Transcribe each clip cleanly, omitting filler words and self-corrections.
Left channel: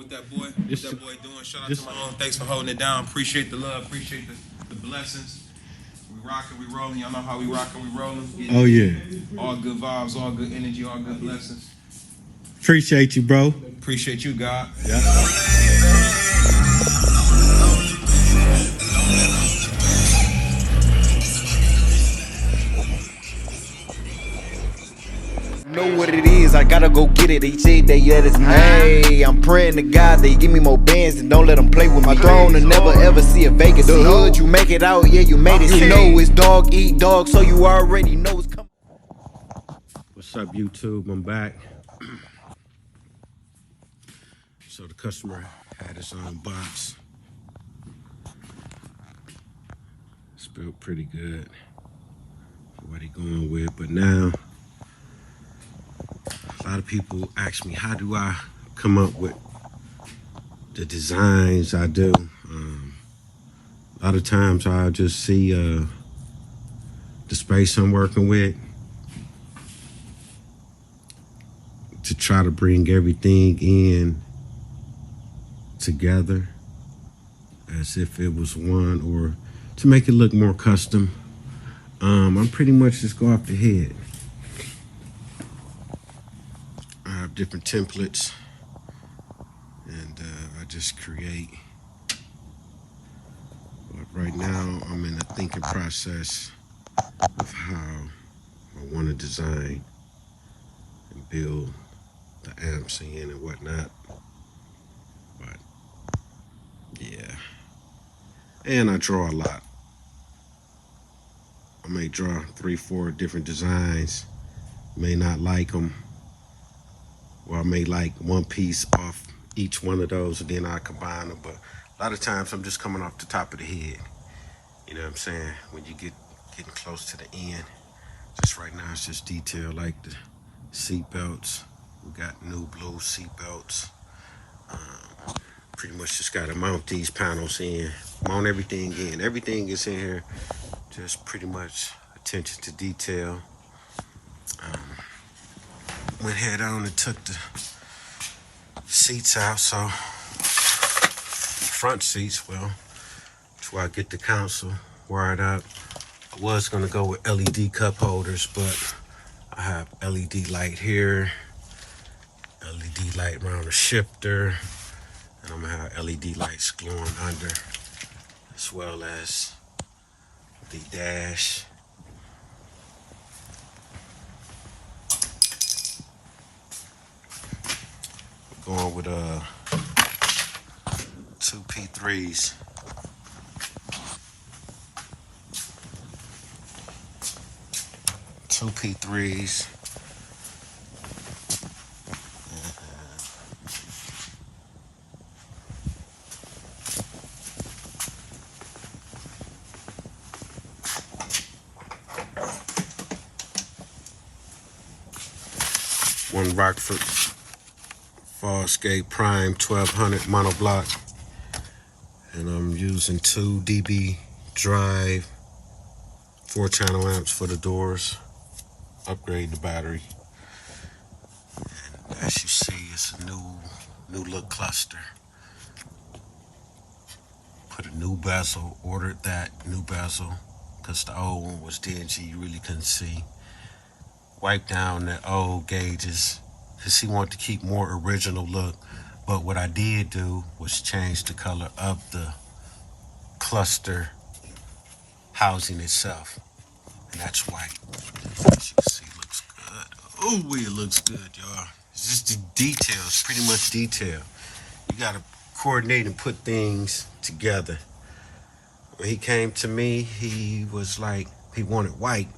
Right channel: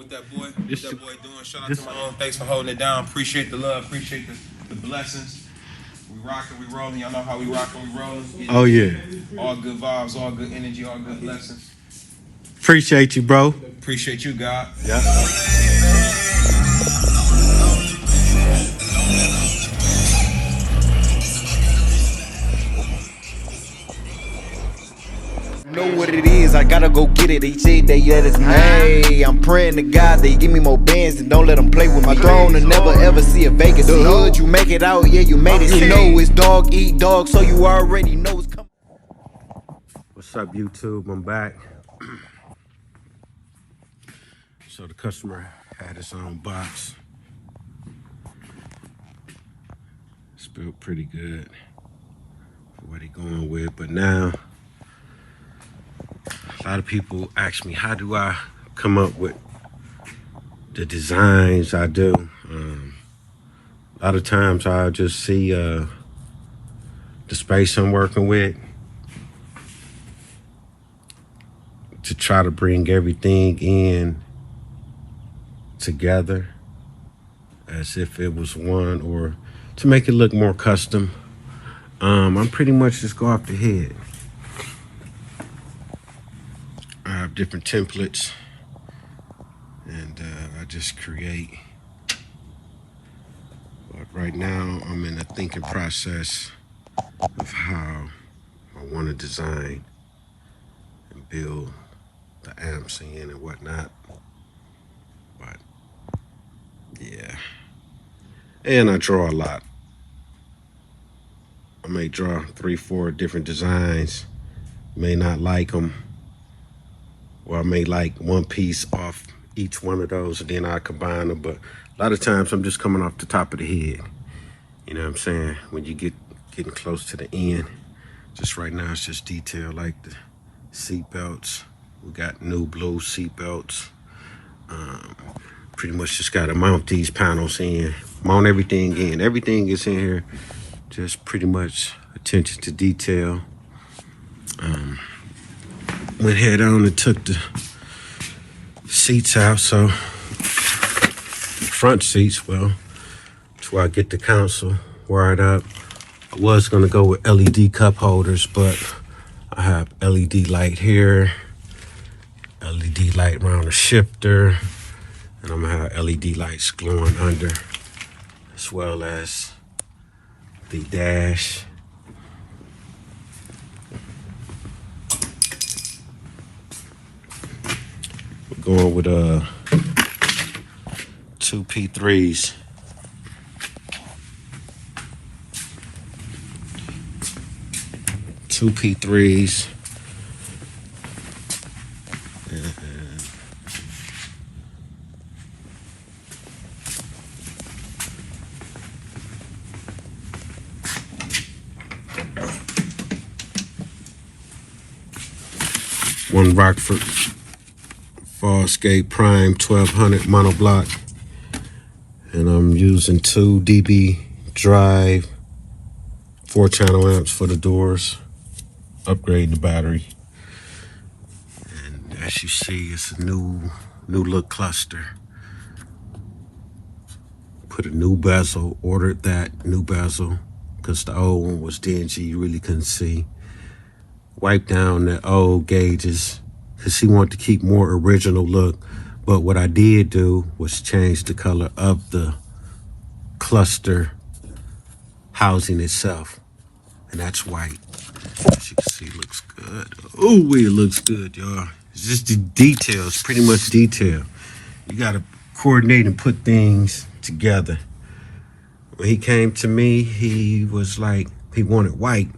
What that boy doing? Shout out to my own. Thanks for holding it down. Appreciate the love. Appreciate the blessings. We rocking, we rolling. Y'all know how we rocking, we rolling. Oh yeah. All good vibes, all good energy, all good blessings. Appreciate you, bro. Appreciate you, God. Yeah. Know what it is, I gotta go get it. They say that yeah, it's hey, I'm praying to God they give me more bands and don't let them play with my throne and never ever see a Vegas. The hood, you make it out, yeah, you made it. You know it's dog eat dog, so you already know it's coming. What's up, YouTube? I'm back. So the customer had his own box. It's built pretty good for what he going with, but now a lot of people ask me, how do I come up with the designs I do? A lot of times I just see the space I'm working with to try to bring everything in together as if it was one, or to make it look more custom. I'm pretty much just go off the head. I have different templates and I just create. But right now I'm in the thinking process of how I want to design and build the amps in and whatnot. But yeah, and I draw a lot. I may draw 3-4 different designs, may not like them, or I may like one piece off each one of those and then I combine them. But a lot of times I'm just coming off the top of the head. You know what I'm saying? When you getting close to the end, just right now it's just detail like the seat belts. We got new blue seat belts. Pretty much just gotta mount these panels in, mount everything in. Everything is in here, just pretty much attention to detail. Went head on and took the seats out, so front seats, well, that's where I get the console wired up. I was gonna go with LED cup holders, but I have LED light here, LED light around the shifter, and I'm gonna have LED lights glowing under, as well as the dash. We're going with two P3s. Two P3s. One Rockford Farscape Prime 1200 monoblock, and I'm using 2 dB drive 4-channel amps for the doors, upgrading the battery. And as you see, it's a new look cluster. Put a new bezel, ordered that new bezel because the old one was dingy, you really couldn't see. Wipe down the old gauges because he wanted to keep more original look. But what I did do was change the color of the cluster housing itself, and that's white. As you can see, it looks good. Oh, it looks good, y'all. It's just the details, pretty much detail. You gotta coordinate and put things together. When he came to me, he was like, he wanted white.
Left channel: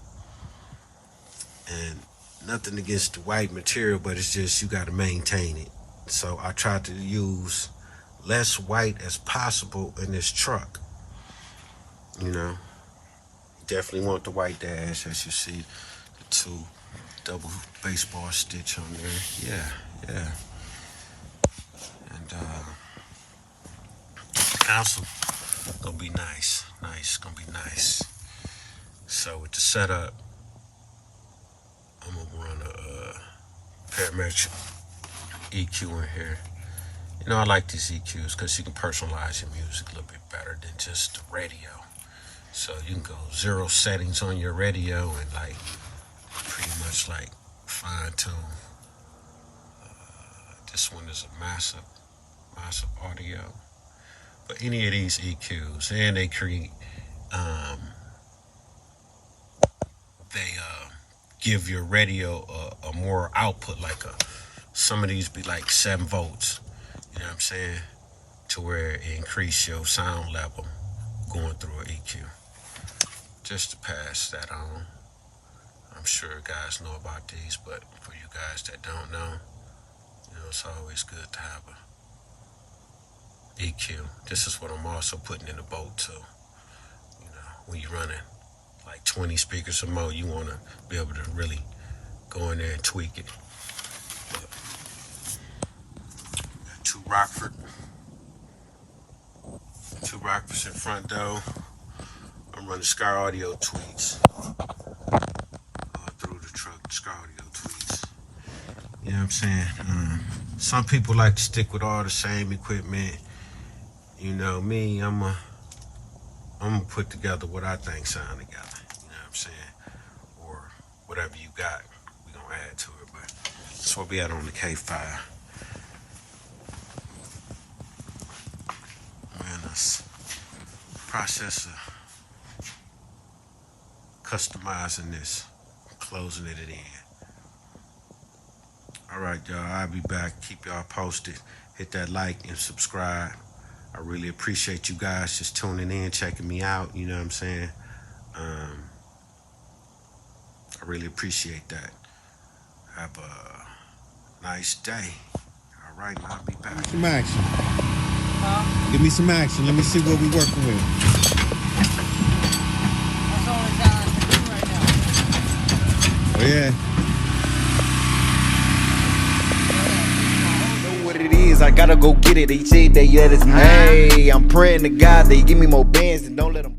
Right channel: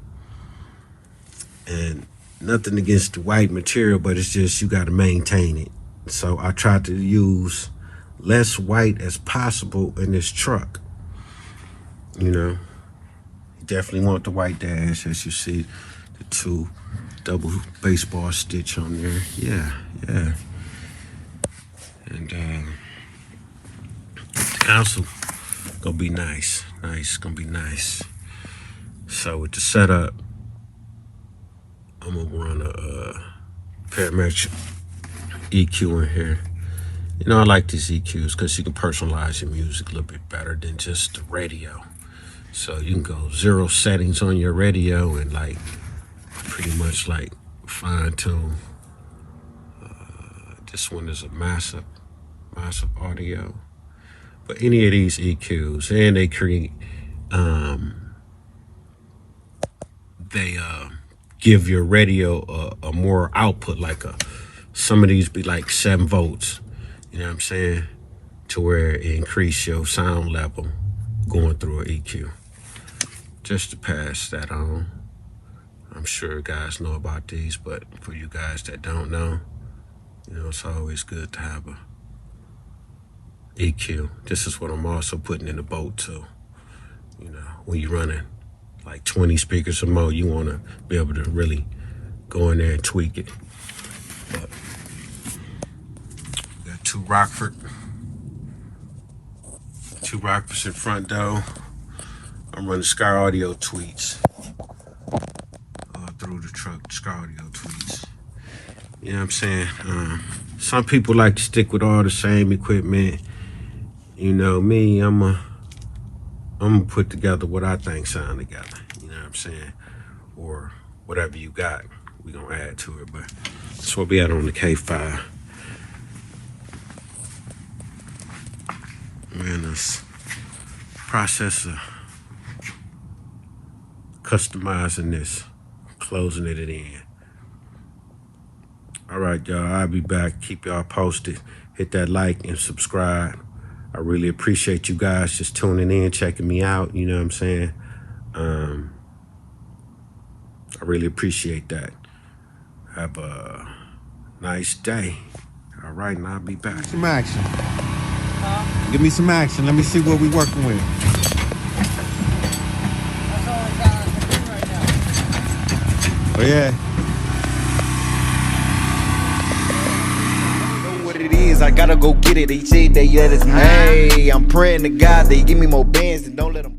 And nothing against the white material, but it's just you got to maintain it. So I tried to use less white as possible in this truck. You know, definitely want the white dash, as you see, the 2 double baseball stitch on there. Yeah. And the console gonna be nice, gonna be nice. So with the setup, I'm gonna run a parametric EQ in here, You know, I like these EQs because you can personalize your music a little bit better than just the radio. So you can go 0 settings on your radio and like pretty much like fine tune. This one is a massive audio. But any of these EQs, and they create, they give your radio a more output, like some of these be like 7 volts, you know what I'm saying? To where it increase your sound level going through an EQ. Just to pass that on. I'm sure guys know about these, but for you guys that don't know, you know, it's always good to have a EQ. This is what I'm also putting in the boat too. You know, when you're running like 20 speakers or more, you want to be able to really go in there and tweak it. But got two Rockfords in front though. I'm running Sky Audio tweets through the truck. Sky Audio tweets. You know what I'm saying? Some people like to stick with all the same equipment. You know me, I'm gonna put together what I think sound together. You know what I'm saying? Or whatever you got, we gonna add to it. But that's what we had on the K5. We're in this process of customizing this, closing it in. All right, y'all, I'll be back. Keep y'all posted. Hit that like and subscribe. I really appreciate you guys just tuning in, checking me out. You know what I'm saying? I really appreciate that. Have a nice day. All right, and I'll be back. Some action. Give me some action. Let me see what we're working with. That's all we got to do right now. Oh, yeah. What it is, I gotta go get it. They say they let us know. Hey, I'm praying to God they give me more bands and don't let them.